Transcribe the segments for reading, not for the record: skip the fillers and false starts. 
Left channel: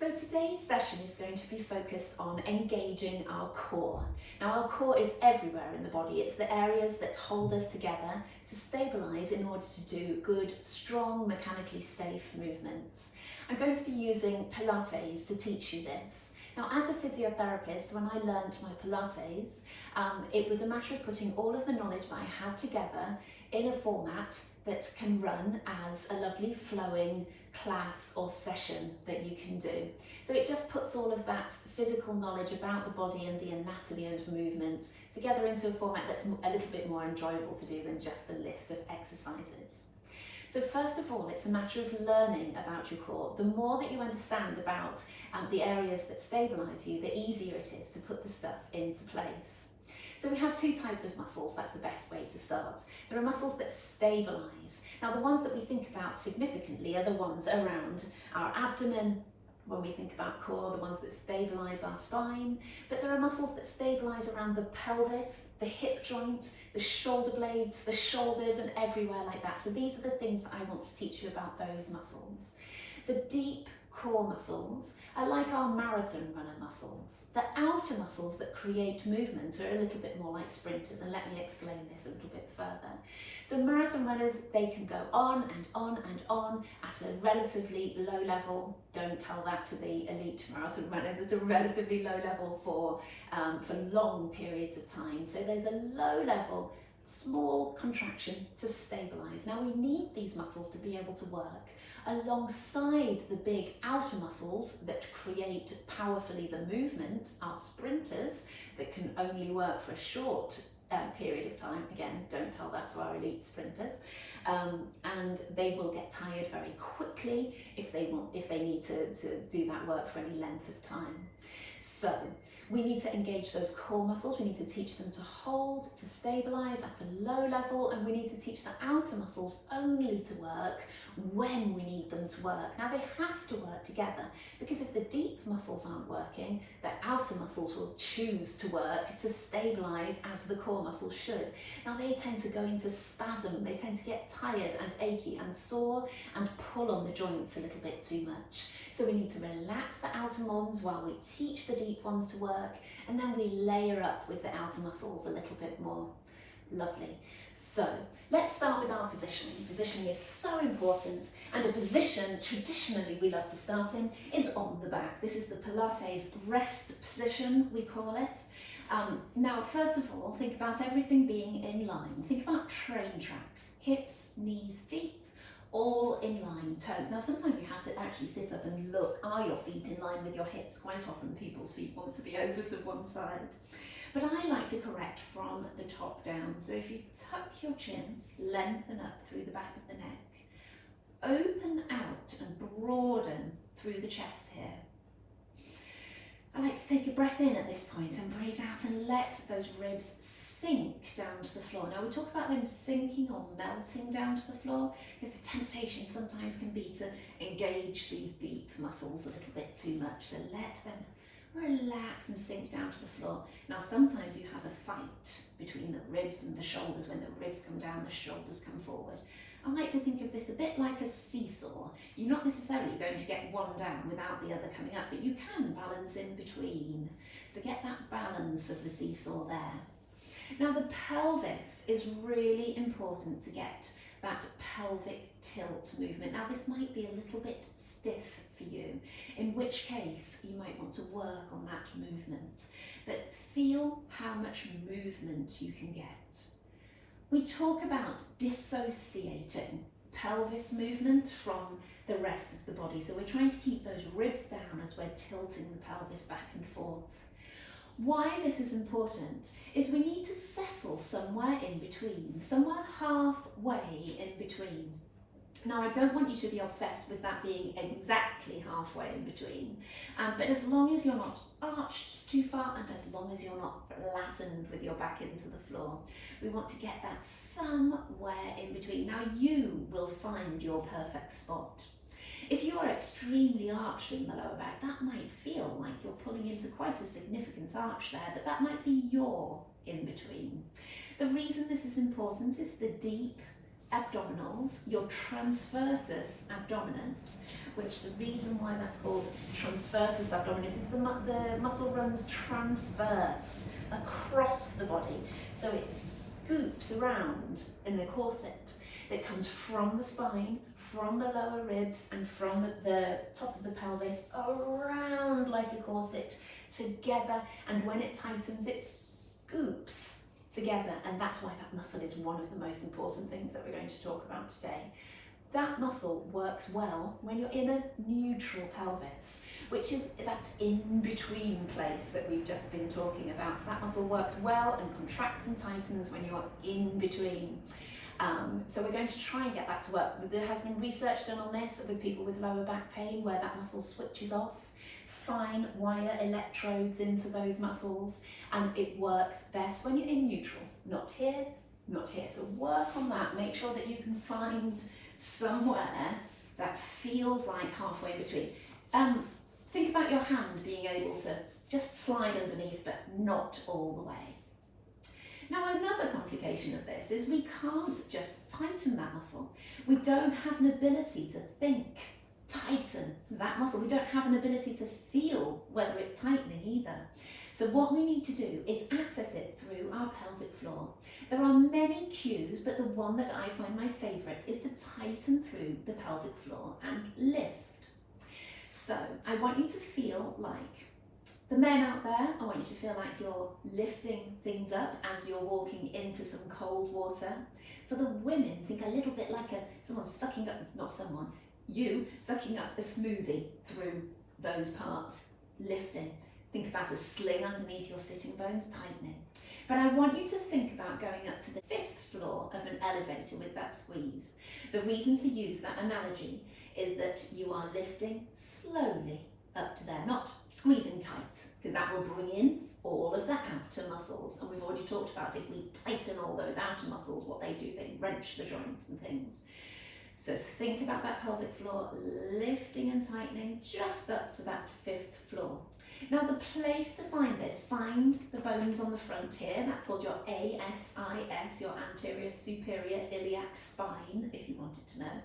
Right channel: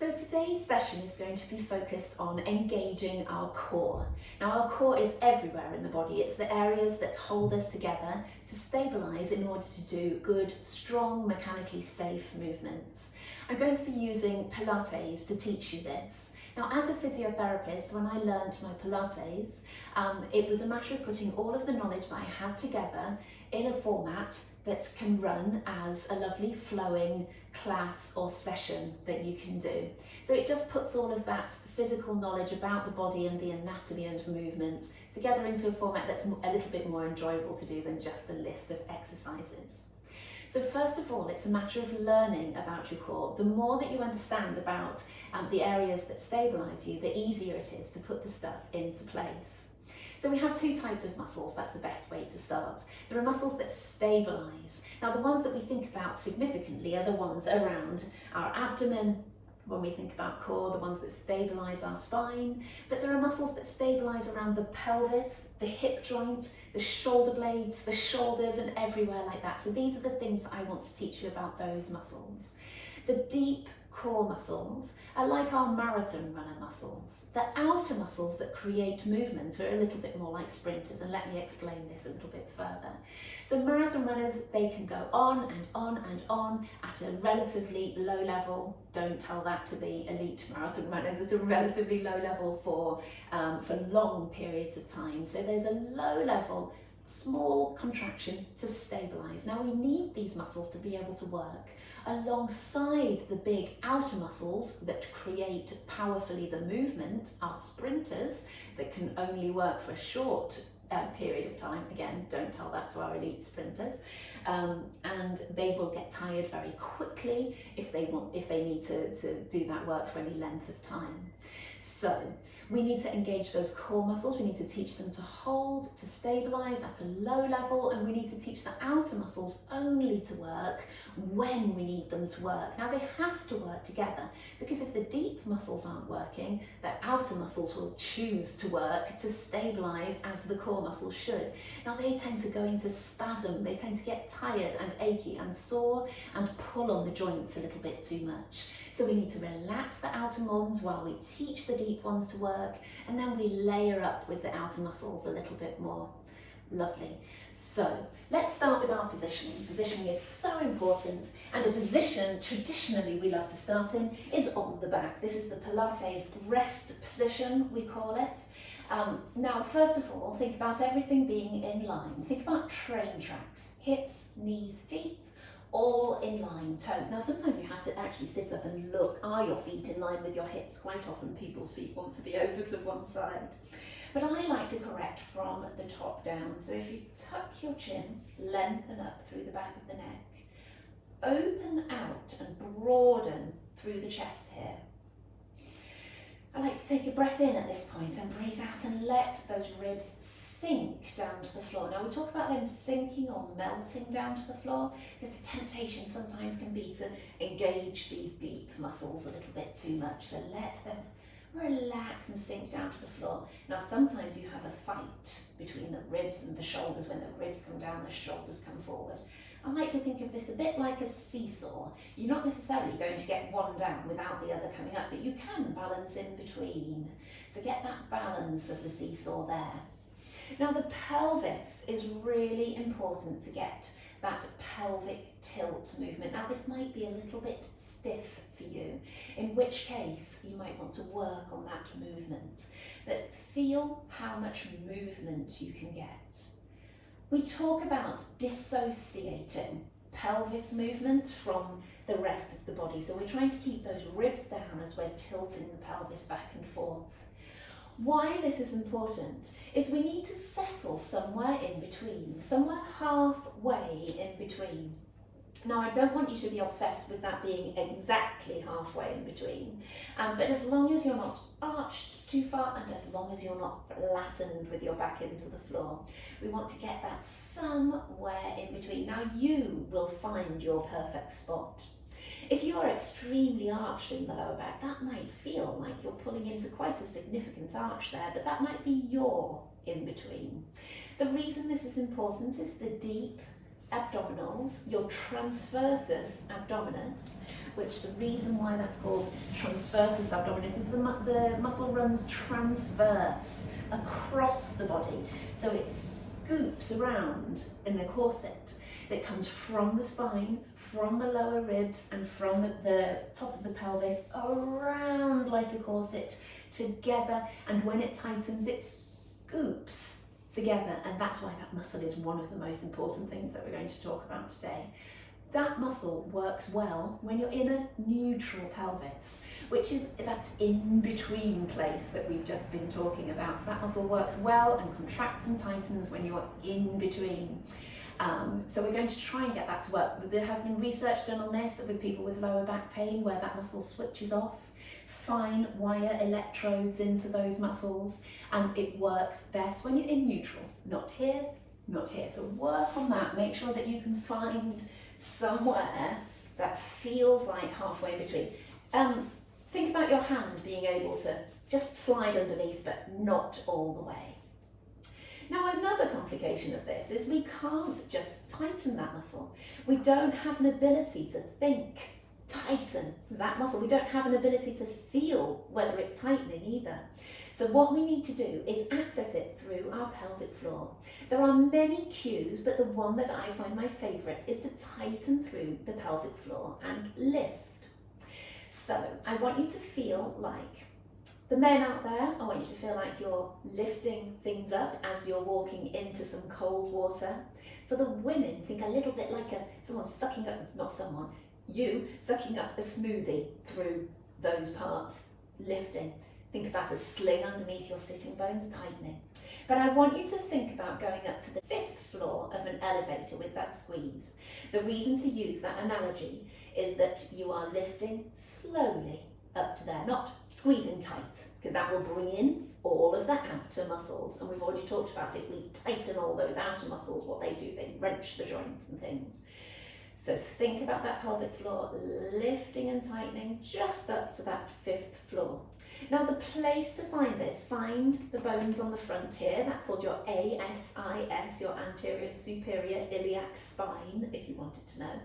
So today's session is going to be focused on engaging our core. Now our core is everywhere in the body. It's the areas that hold us together to stabilise in order to do good, strong, mechanically safe movements. I'm going to be using Pilates to teach you this. Now as a physiotherapist, when I learned my Pilates, it was a matter of putting all of the knowledge that I had together in a format that can run as a lovely flowing class or session that you can do. So it just puts all of that physical knowledge about the body and the anatomy of movement together into a format that's a little bit more enjoyable to do than just a list of exercises. So first of all, it's a matter of learning about your core. The more that you understand about the areas that stabilise you, the easier it is to put the stuff into place. So we have two types of muscles. That's the best way to start. There are muscles that stabilise. Now the ones that we think about significantly are the ones around our abdomen. When we think about core, the ones that stabilise our spine, but there are muscles that stabilise around the pelvis, the hip joint, the shoulder blades, the shoulders, and everywhere like that. So these are the things that I want to teach you about those muscles. The deep core muscles are like our marathon runner muscles. The outer muscles that create movement are a little bit more like sprinters, and let me explain this a little bit further. So marathon runners, they can go on and on and on at a relatively low level. Don't tell that to the elite marathon runners. It's a relatively low level for long periods of time. So there's a low level, small contraction to stabilise. Now we need these muscles to be able to work alongside the big outer muscles that create powerfully the movement, our sprinters that can only work for a short period of time. Again, don't tell that to our elite sprinters, and they will get tired very quickly if they need to do that work for any length of time. So we need to engage those core muscles. We need to teach them to hold, to stabilise at a low level, and we need to teach the outer muscles only to work when we need them to work. Now they have to work together, because if the deep muscles aren't working, the outer muscles will choose to work to stabilise as the core muscles should. Now they tend to go into spasm. They tend to get tired and achy and sore and pull on the joints a little bit too much. So we need to relax the outer ones while we teach the deep ones to work, and then we layer up with the outer muscles a little bit more. Lovely. So let's start with our positioning. Positioning is so important, and a position traditionally we love to start in is on the back. This is the Pilates rest position, we call it. Now, first of all, think about everything being in line. Think about train tracks, hips, knees, feet, all in line, toes. Now sometimes you have to actually sit up and look, are your feet in line with your hips? Quite often people's feet want to be over to one side. But I like to correct from the top down. So if you tuck your chin, lengthen up through the back of the neck, open out and broaden through the chest here. I like to take a breath in at this point and breathe out and let those ribs sink down to the floor. Now we talk about them sinking or melting down to the floor, because the temptation sometimes can be to engage these deep muscles a little bit too much. So let them relax and sink down to the floor. Now sometimes you have a fight between the ribs and the shoulders. When the ribs come down, the shoulders come forward. I like to think of this a bit like a seesaw. You're not necessarily going to get one down without the other coming up, but you can balance in between. So get that balance of the seesaw there. Now the pelvis is really important to get that pelvic tilt movement. Now this might be a little bit stiff for you, in which case you might want to work on that movement. But feel how much movement you can get. We talk about dissociating pelvis movement from the rest of the body. So we're trying to keep those ribs down as we're tilting the pelvis back and forth. Why this is important is we need to settle somewhere in between, somewhere halfway in between. Now I don't want you to be obsessed with that being exactly halfway in between, but as long as you're not arched too far and as long as you're not flattened with your back into the floor, we want to get that somewhere in between. Now you will find your perfect spot. If you are extremely arched in the lower back, that might feel like you're pulling into quite a significant arch there, but that might be your in between. The reason this is important is the deep abdominals, your transversus abdominis, which the reason why that's called transversus abdominis is the muscle runs transverse across the body. So it scoops around in the corset. It comes from the spine, from the lower ribs, and from the top of the pelvis around like a corset together. And when it tightens, it scoops together. And that's why that muscle is one of the most important things that we're going to talk about today. That muscle works well when you're in a neutral pelvis, which is that in-between place that we've just been talking about. So that muscle works well and contracts and tightens when you're in between. So we're going to try and get that to work. There has been research done on this with people with lower back pain where that muscle switches off, fine wire electrodes into those muscles, and it works best when you're in neutral, not here, not here. So work on that, make sure that you can find somewhere that feels like halfway between. Think about your hand being able to just slide underneath, but not all the way. Now, another complication of this is we can't just tighten that muscle. We don't have an ability to think, tighten that muscle. We don't have an ability to feel whether it's tightening either. So what we need to do is access it through our pelvic floor. There are many cues, but the one that I find my favourite is to tighten through the pelvic floor and lift. So I want you to feel like, the men out there, I want you to feel like you're lifting things up as you're walking into some cold water. For the women, think a little bit like someone sucking up, not someone, you sucking up a smoothie through those parts, lifting. Think about a sling underneath your sitting bones, tightening. But I want you to think about going up to the 5th floor of an elevator with that squeeze. The reason to use that analogy is that you are lifting slowly up to there, not squeezing tight, because that will bring in all of the outer muscles. And we've already talked about if we tighten all those outer muscles, what they do, they wrench the joints and things. So think about that pelvic floor, lifting and tightening just up to that 5th floor. Now the place to find this, find the bones on the front here, that's called your ASIS, your anterior superior iliac spine, if you wanted to know.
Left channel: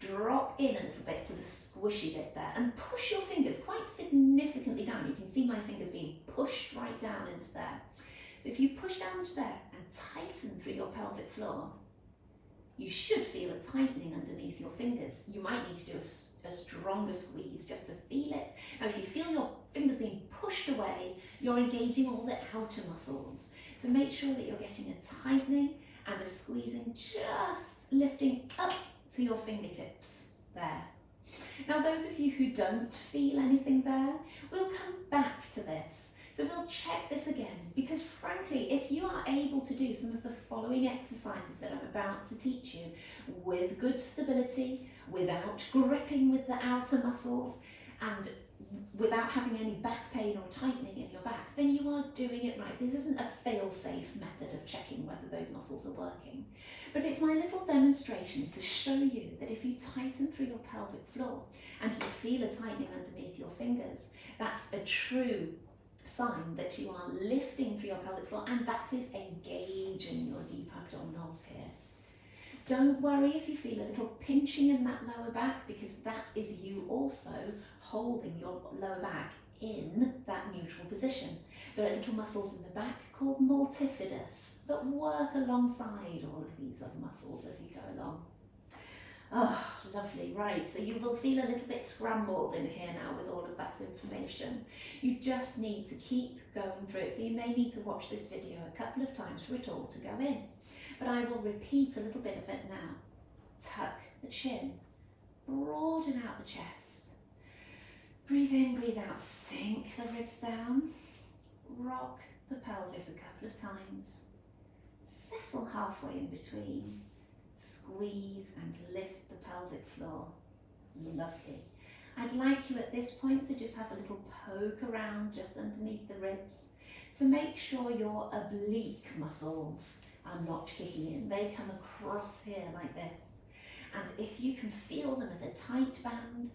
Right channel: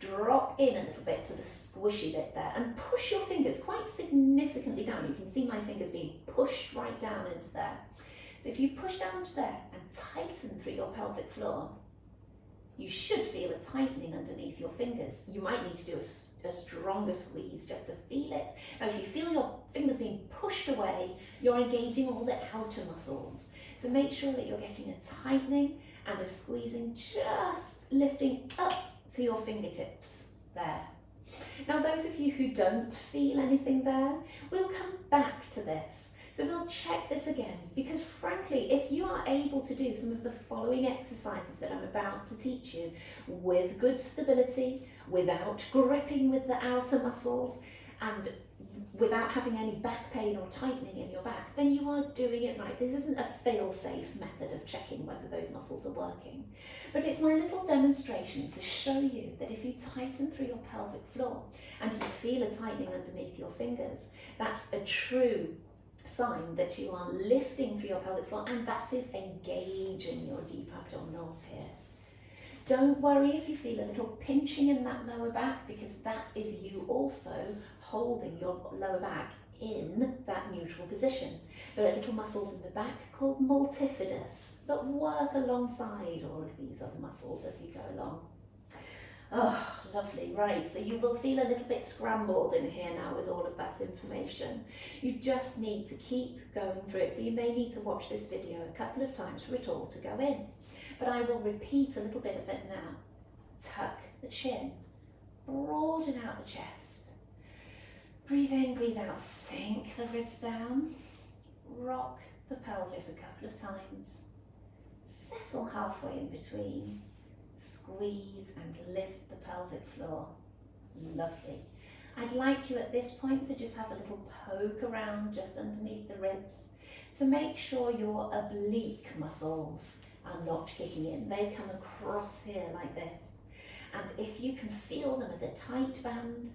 Drop in a little bit to the squishy bit there and push your fingers quite significantly down. You can see my fingers being pushed right down into there. So if you push down into there and tighten through your pelvic floor, you should feel a tightening underneath your fingers. You might need to do a stronger squeeze just to feel it. Now, if you feel your fingers being pushed away, you're engaging all the outer muscles. So make sure that you're getting a tightening and a squeezing, just lifting up to your fingertips there. Now, those of you who don't feel anything there, we'll come back to this. So we'll check this again, because frankly, if you are able to do some of the following exercises that I'm about to teach you with good stability, without gripping with the outer muscles, and without having any back pain or tightening in your back, then you are doing it right. This isn't a fail-safe method of checking whether those muscles are working. But it's my little demonstration to show you that if you tighten through your pelvic floor and you feel a tightening underneath your fingers, that's a true sign that you are lifting through your pelvic floor, and that is engaging your deep abdominals here. Don't worry if you feel a little pinching in that lower back, because that is you also holding your lower back in that neutral position. There are little muscles in the back called multifidus that work alongside all of these other muscles as you go along. Oh, lovely. Right, so you will feel a little bit scrambled in here now with all of that information. You just need to keep going through it. So you may need to watch this video a couple of times for it all to go in. But I will repeat a little bit of it now. Tuck the chin, broaden out the chest. Breathe in, breathe out, sink the ribs down. Rock the pelvis a couple of times. Settle halfway in between. Squeeze and lift the pelvic floor. Lovely. I'd like you at this point to just have a little poke around just underneath the ribs to make sure your oblique muscles are not kicking in. They come across here like this. And if you can feel them as a tight band,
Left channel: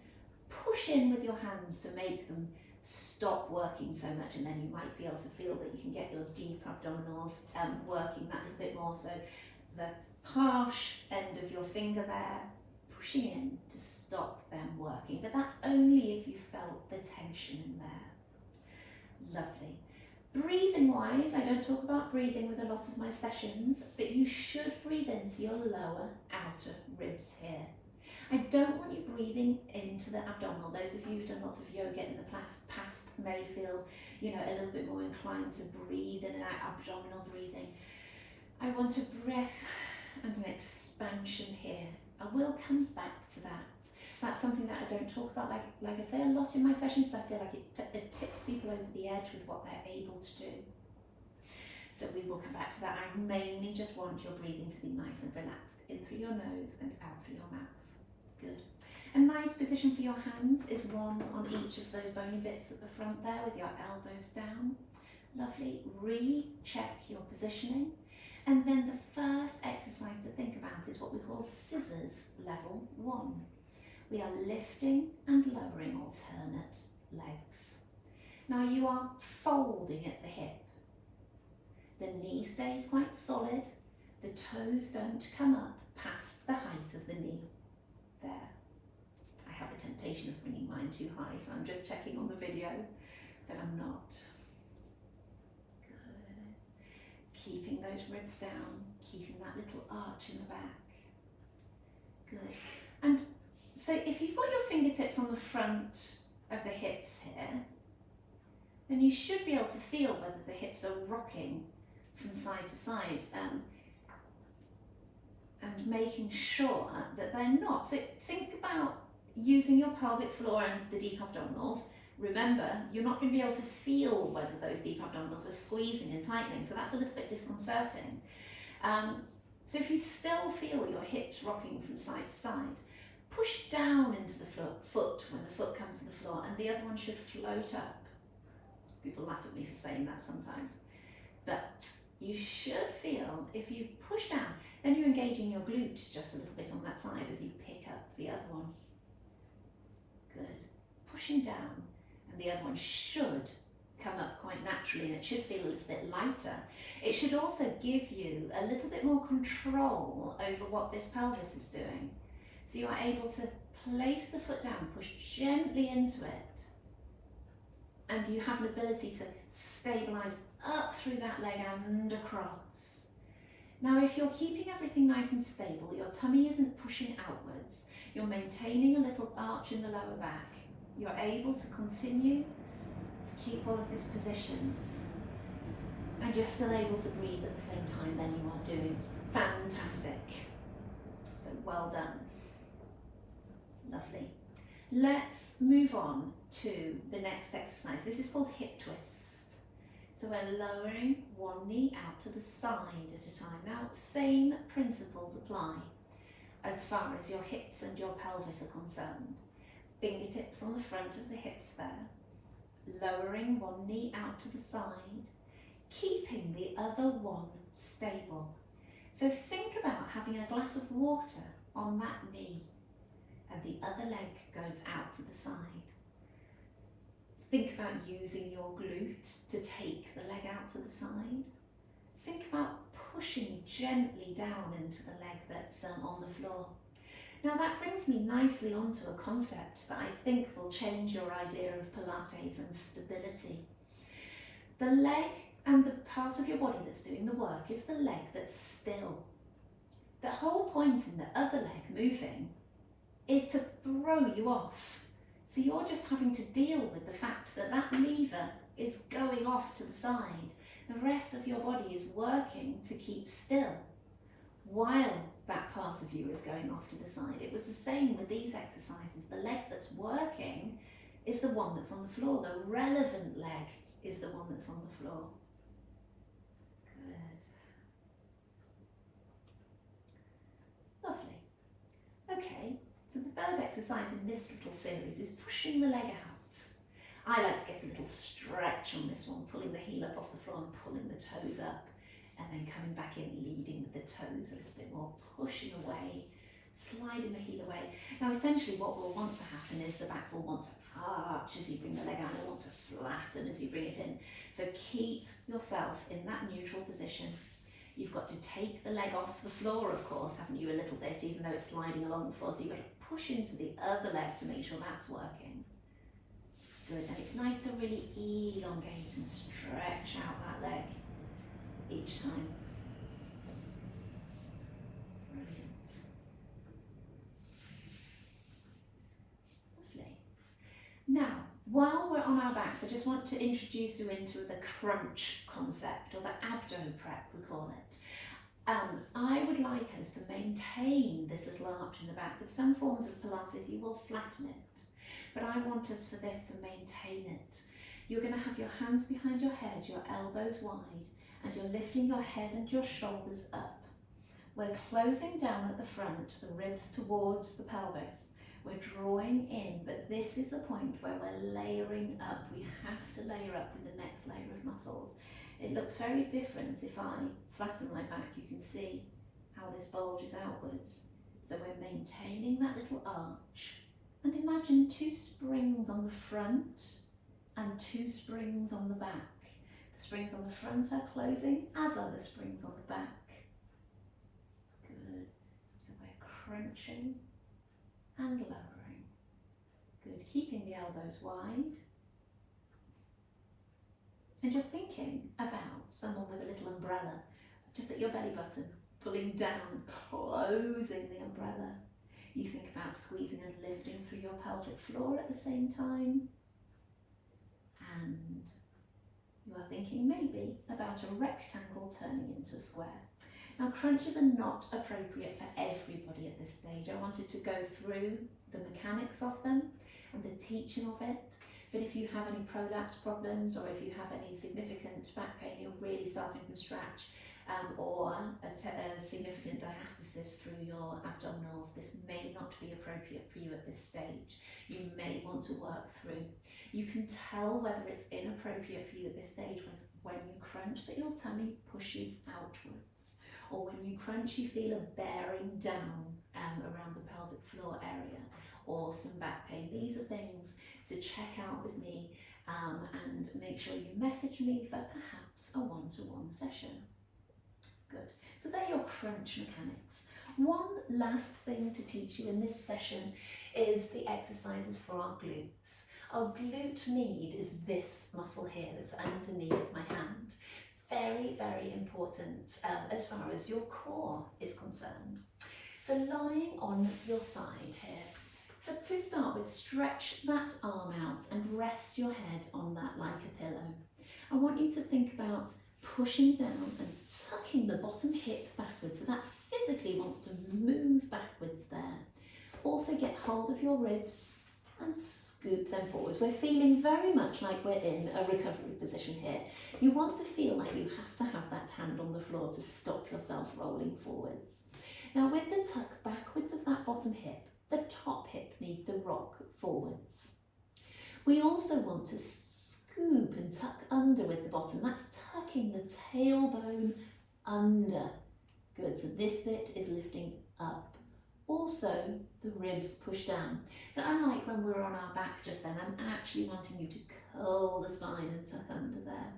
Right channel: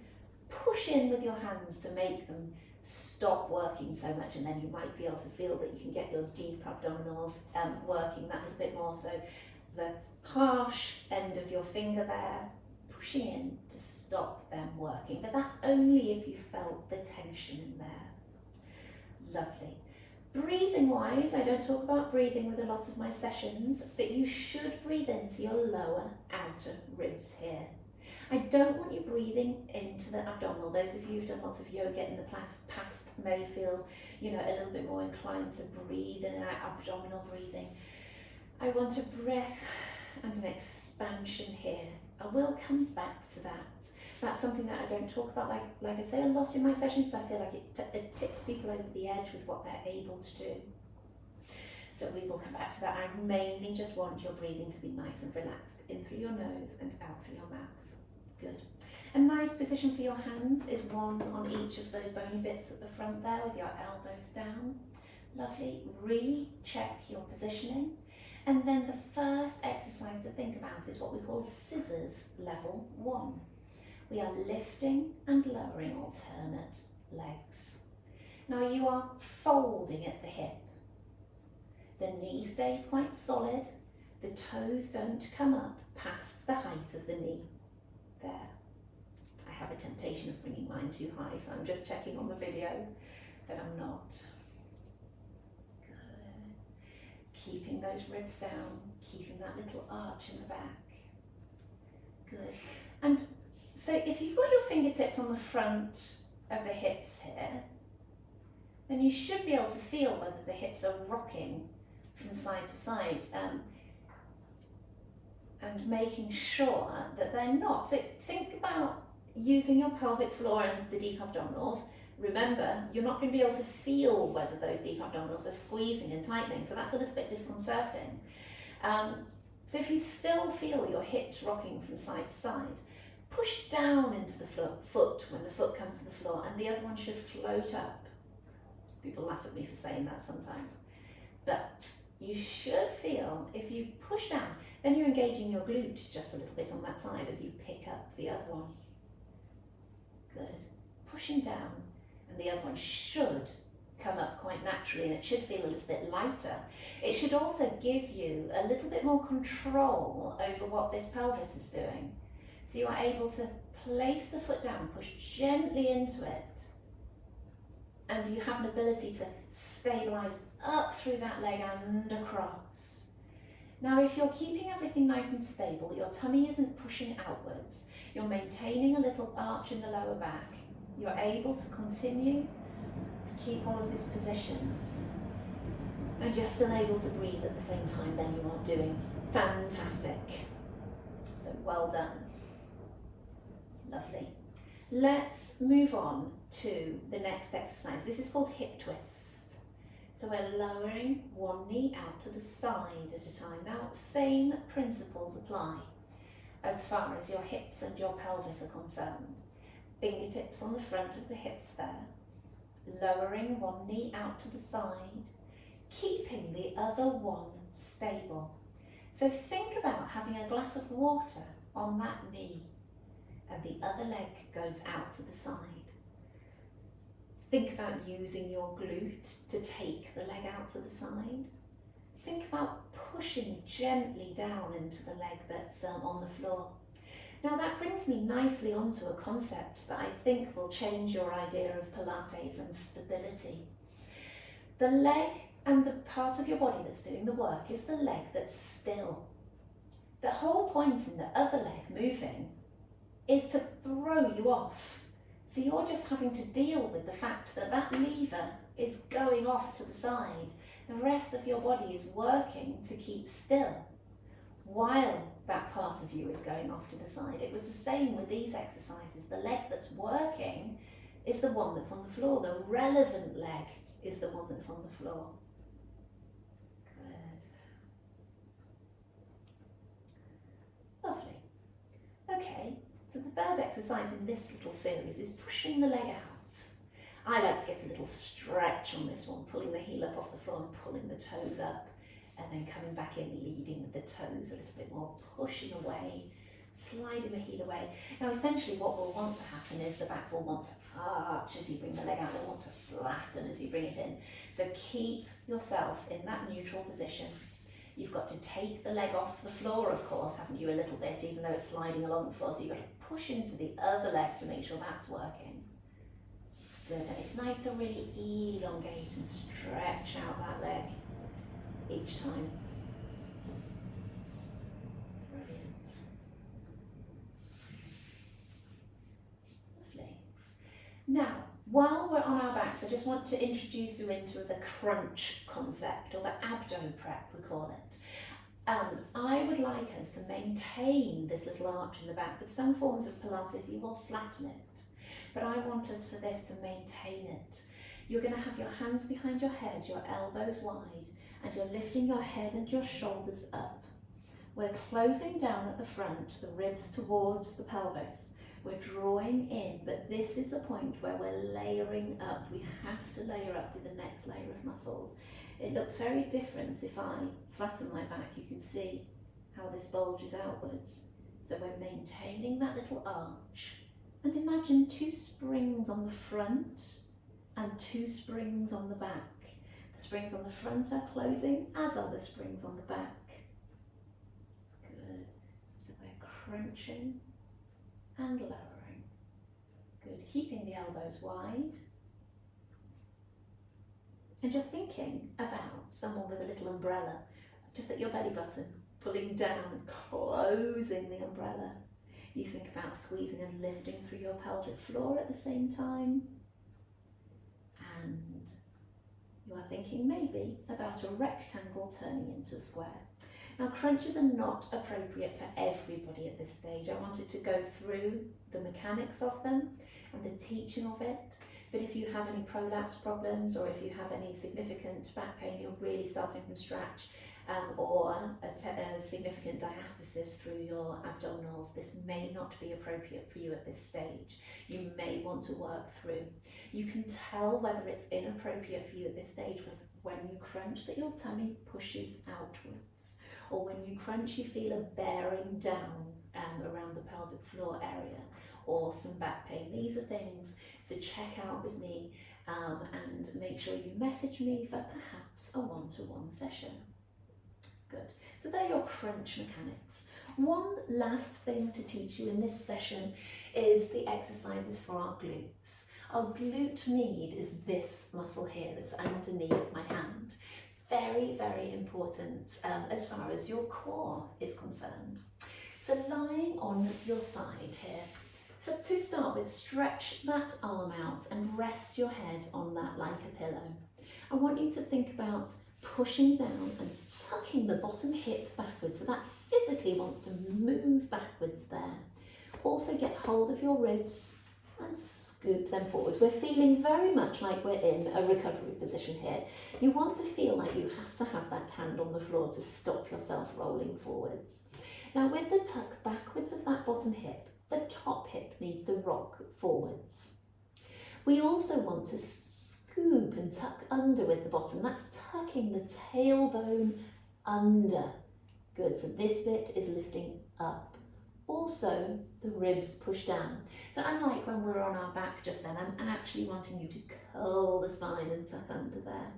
push in with your hands to make them stop working so much, and then you might be able to feel that you can get your deep abdominals working that little bit more. So the harsh end of your finger there, pushing in to stop them working. But that's only if you felt the tension in there. Lovely. Breathing wise, I don't talk about breathing with a lot of my sessions, but you should breathe into your lower outer ribs here. I don't want you breathing into the abdominal. Those of you who've done lots of yoga in the past may feel, you know, a little bit more inclined to breathe in and out, abdominal breathing. I want a breath and an expansion here. I will come back to that. That's something that I don't talk about, like I say, a lot in my sessions. I feel like it tips people over the edge with what they're able to do. So we will come back to that. I mainly just want your breathing to be nice and relaxed, in through your nose and out through your mouth. Good. A nice position for your hands is one on each of those bony bits at the front there with your elbows down. Lovely. Recheck your positioning. And then the first exercise to think about is what we call scissors level 1. We are lifting and lowering alternate legs. Now you are folding at the hip. The knee stays quite solid. The toes don't come up past the height of the knee. There. I have a temptation of bringing mine too high, so I'm just checking on the video that I'm not. Good. Keeping those ribs down, keeping that little arch in the back. Good. And so if you've got your fingertips on the front of the hips here, then you should be able to feel whether the hips are rocking from side to side, and making sure that they're not. So think about using your pelvic floor and the deep abdominals. Remember, you're not going to be able to feel whether those deep abdominals are squeezing and tightening, so that's a little bit disconcerting. So if you still feel your hips rocking from side to side, push down into the foot when the foot comes to the floor, and the other one should float up. People laugh at me for saying that sometimes. But you should feel, if you push down, then you're engaging your glute just a little bit on that side as you pick up the other one. Good. Pushing down, and the other one should come up quite naturally, and it should feel a little bit lighter. It should also give you a little bit more control over what this pelvis is doing. So you are able to place the foot down, push gently into it, and you have an ability to stabilise up through that leg and across. Now, if you're keeping everything nice and stable, your tummy isn't pushing outwards, you're maintaining a little arch in the lower back, you're able to continue to keep all of these positions, and you're still able to breathe at the same time, then you are doing fantastic. So well done. Lovely. Let's move on to the next exercise. This is called hip twist. So we're lowering one knee out to the side at a time. Now, same principles apply as far as your hips and your pelvis are concerned. Fingertips on the front of the hips there. Lowering one knee out to the side, keeping the other one stable. So think about having a glass of water on that knee, and the other leg goes out to the side. Think about using your glute to take the leg out to the side. Think about pushing gently down into the leg that's on the floor. Now that brings me nicely onto a concept that I think will change your idea of Pilates and stability. The leg and the part of your body that's doing the work is the leg that's still. The whole point in the other leg moving is to throw you off. So you're just having to deal with the fact that that lever is going off to the side. The rest of your body is working to keep still while that part of you is going off to the side. It was the same with these exercises. The leg that's working is the one that's on the floor. The relevant leg is the one that's on the floor. Good. Lovely. Okay. So the third exercise in this little series is pushing the leg out. I like to get a little stretch on this one, pulling the heel up off the floor and pulling the toes up, and then coming back in, leading with the toes a little bit more, pushing away, sliding the heel away. Now essentially what will want to happen is the back will want to arch as you bring the leg out, it will want to flatten as you bring it in. So keep yourself in that neutral position. You've got to take the leg off the floor, of course, haven't you, a little bit, even though it's sliding along the floor. So you've got to push into the other leg to make sure that's working. Good, and it's nice to really elongate and stretch out that leg each time. Brilliant. Lovely. Now, while we're on our backs, I just want to introduce you into the crunch concept, or the abdo prep, we call it. I would like us to maintain this little arch in the back. With some forms of Pilates, you will flatten it. But I want us for this to maintain it. You're going to have your hands behind your head, your elbows wide, and you're lifting your head and your shoulders up. We're closing down at the front, the ribs towards the pelvis. We're drawing in, but this is a point where we're layering up. We have to layer up with the next layer of muscles. It looks very different if I flatten my back. You can see how this bulges outwards. So we're maintaining that little arch. And imagine 2 springs on the front and 2 springs on the back. The springs on the front are closing, as are the springs on the back. Good. So we're crunching and lowering. Good. Keeping the elbows wide. And you're thinking about someone with a little umbrella, just at your belly button, pulling down, closing the umbrella. You think about squeezing and lifting through your pelvic floor at the same time. And you are thinking maybe about a rectangle turning into a square. Now, crunches are not appropriate for everybody at this stage. I wanted to go through the mechanics of them and the teaching of it. But if you have any prolapse problems, or if you have any significant back pain, you're really starting from scratch, or a significant diastasis through your abdominals, this may not be appropriate for you at this stage. You may want to work through. You can tell whether it's inappropriate for you at this stage when you crunch that your tummy pushes outwards, or when you crunch you feel a bearing down around the pelvic floor area, or some back pain. These are things to check out with me, and make sure you message me for perhaps a one-to-one session. Good. So they're your crunch mechanics. One last thing to teach you in this session is the exercises for our glutes. Our glute med is this muscle here that's underneath my hand. Very, very important as far as your core is concerned. So lying on your side here, to start with, stretch that arm out and rest your head on that like a pillow. I want you to think about pushing down and tucking the bottom hip backwards, so that physically wants to move backwards there. Also get hold of your ribs and scoop them forwards. We're feeling very much like we're in a recovery position here. You want to feel like you have to have that hand on the floor to stop yourself rolling forwards. Now, with the tuck backwards of that bottom hip, the top hip needs to rock forwards. We also want to scoop and tuck under with the bottom. That's tucking the tailbone under. Good, so this bit is lifting up. Also, the ribs push down. So unlike when we're on our back just then, I'm actually wanting you to curl the spine and tuck under there.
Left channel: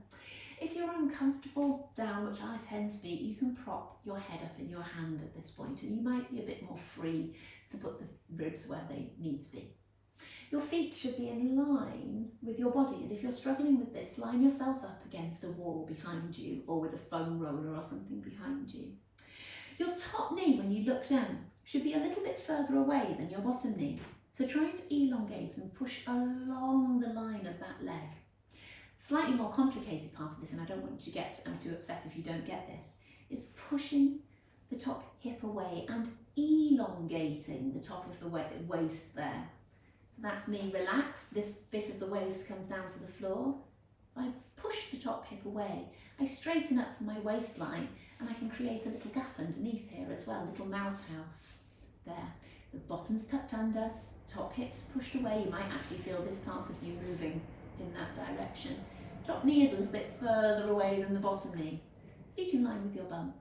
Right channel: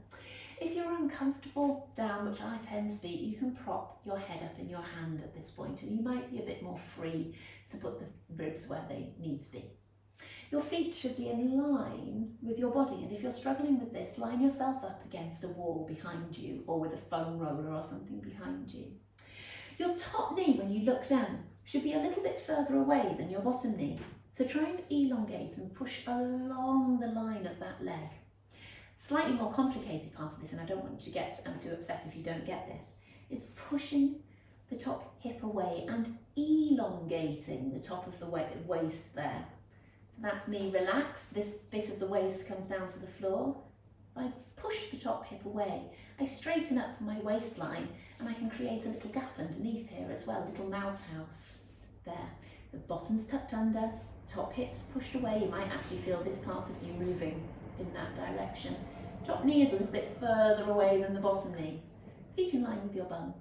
If you're uncomfortable down, which I tend to be, you can prop your head up in your hand at this point, and you might be a bit more free to put the ribs where they need to be. Your feet should be in line with your body, and if you're struggling with this, line yourself up against a wall behind you, or with a foam roller or something behind you. Your top knee, when you look down, should be a little bit further away than your bottom knee. So try and elongate and push along the line of that leg. Slightly more complicated part of this, and I don't want you to get too upset if you don't get this, is pushing the top hip away and elongating the top of the waist there. So that's me relaxed. This bit of the waist comes down to the floor. I push the top hip away. I straighten up my waistline, and I can create a little gap underneath here as well, a little mouse house there. So bottom's tucked under, top hip's pushed away. You might actually feel this part of you moving in that direction. Top knee is a little bit further away than the bottom knee. Feet in line with your bum.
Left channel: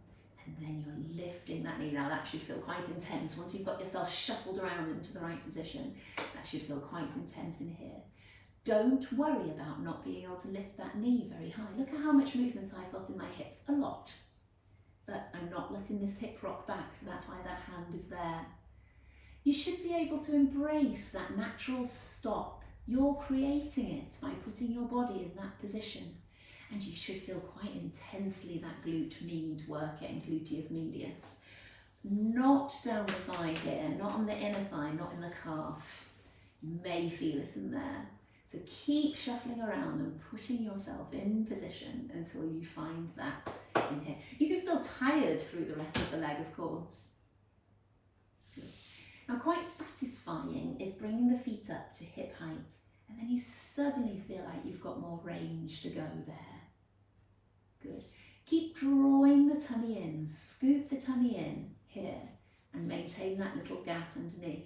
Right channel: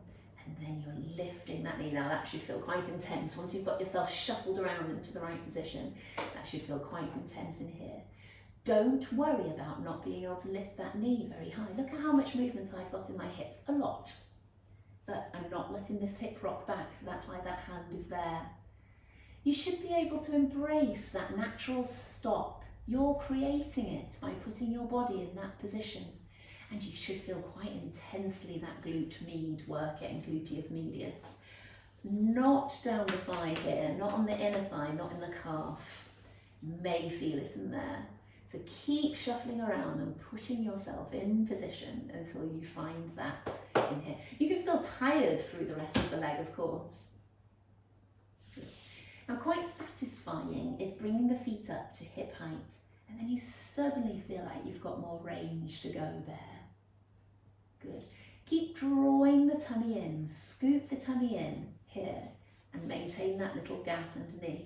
And then you're lifting that knee. Now that should feel quite intense. Once you've got yourself shuffled around into the right position, that should feel quite intense in here. Don't worry about not being able to lift that knee very high. Look at how much movement I've got in my hips. A lot. but I'm not letting this hip rock back, so that's why that hand is there. You should be able to embrace that natural stop. You're creating it by putting your body in that position. And you should feel quite intensely that glute med working, gluteus medius. Not down the thigh here, not on the inner thigh, not in the calf. You may feel it in there. So keep shuffling around and putting yourself in position until you find that in here. You can feel tired through the rest of the leg, of course. Good. Now, quite satisfying is bringing the feet up to hip height, and then you suddenly feel like you've got more range to go there. Good. Keep drawing the tummy in, scoop the tummy in here, and maintain that little gap underneath.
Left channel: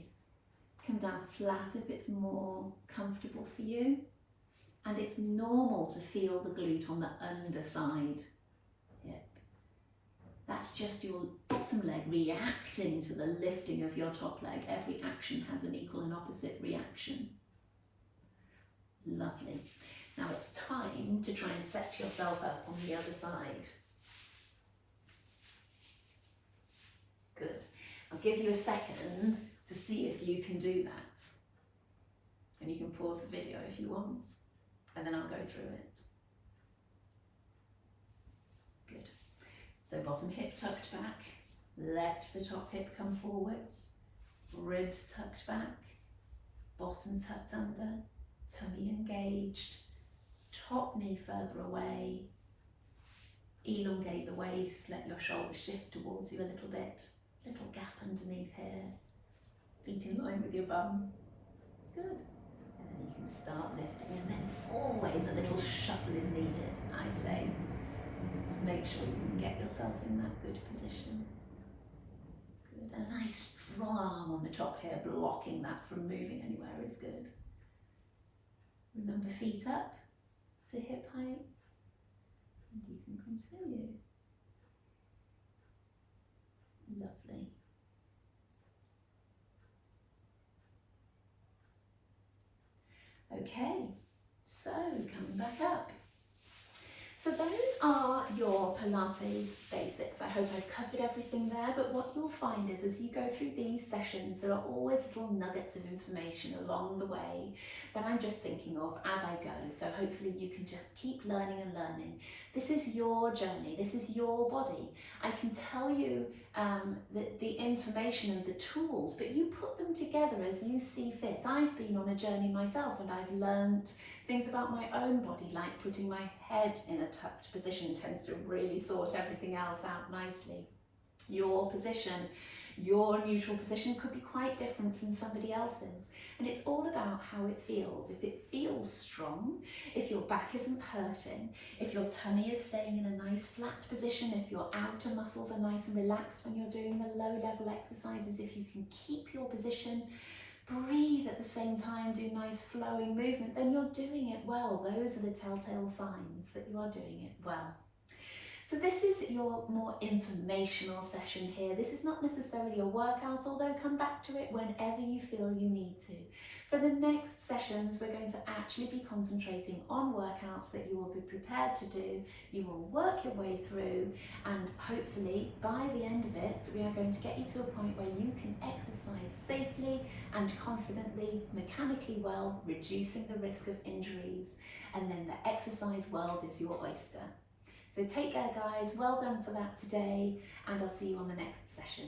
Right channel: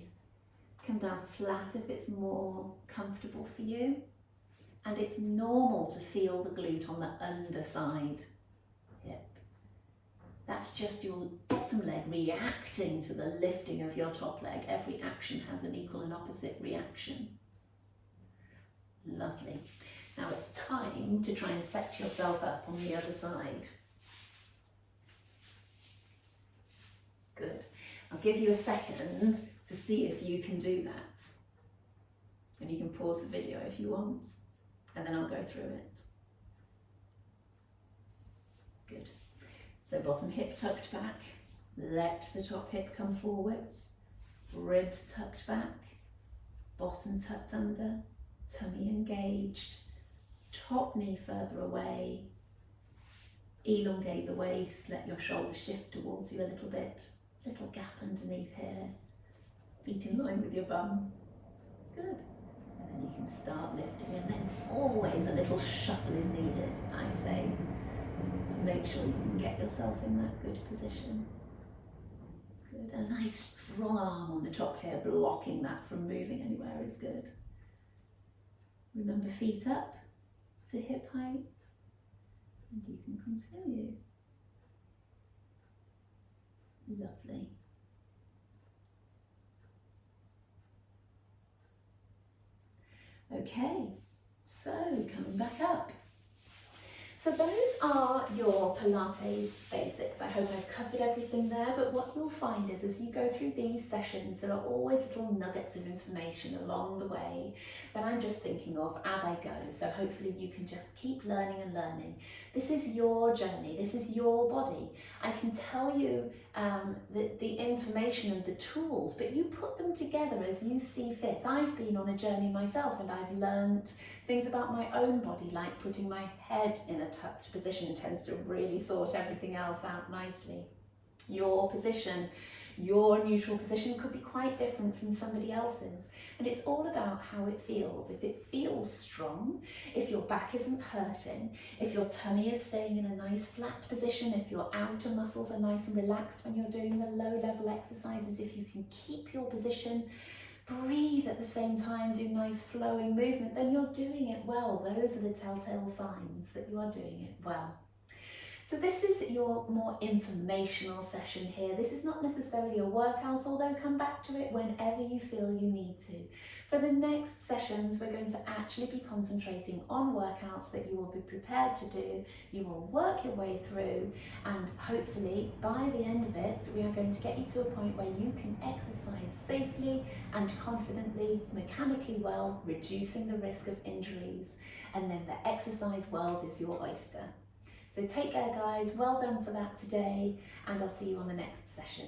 Come down flat if it's more comfortable for you. And it's normal to feel the glute on the underside hip. That's just your bottom leg reacting to the lifting of your top leg. Every action has an equal and opposite reaction. Lovely. Now it's time to try and set yourself up on the other side. Good. I'll give you a second to see if you can do that. And you can pause the video if you want, and then I'll go through it. Good. So bottom hip tucked back, let the top hip come forwards, ribs tucked back, bottom tucked under, tummy engaged, top knee further away, elongate the waist, let your shoulders shift towards you a little bit, little gap underneath here, feet in line with your bum. Good. And then you can start lifting, and then always a little shuffle is needed, I say, to make sure you can get yourself in that good position. Good. And a nice strong arm on the top here, blocking that from moving anywhere is good. Remember, feet up to hip height, and you can continue. Lovely. Okay, so coming back up. So those are your Pilates basics. I hope I've covered everything there, but what you'll find is as you go through these sessions, there are always little nuggets of information along the way that I'm just thinking of as I go. So hopefully you can just keep learning and learning. This is your journey, this is your body. I can tell you the information and the tools, but you put them together as you see fit. I've been on a journey myself, and I've learned things about my own body, like putting my head in a tucked position tends to really sort everything else out nicely. Your position, your neutral position could be quite different from somebody else's, and it's all about how it feels. If it feels strong, if your back isn't hurting, if your tummy is staying in a nice flat position, if your outer muscles are nice and relaxed when you're doing the low level exercises, if you can keep your position, breathe at the same time, do nice flowing movement, then you're doing it well. Those are the telltale signs that you are doing it well. So this is your more informational session here. This is not necessarily a workout, although come back to it whenever you feel you need to. For the next sessions, we're going to actually be concentrating on workouts that you will be prepared to do. You will work your way through, and hopefully by the end of it, we are going to get you to a point where you can exercise safely and confidently, mechanically well, reducing the risk of injuries. And then the exercise world is your oyster. So take care, guys. Well done for that today, and I'll see you on the next session.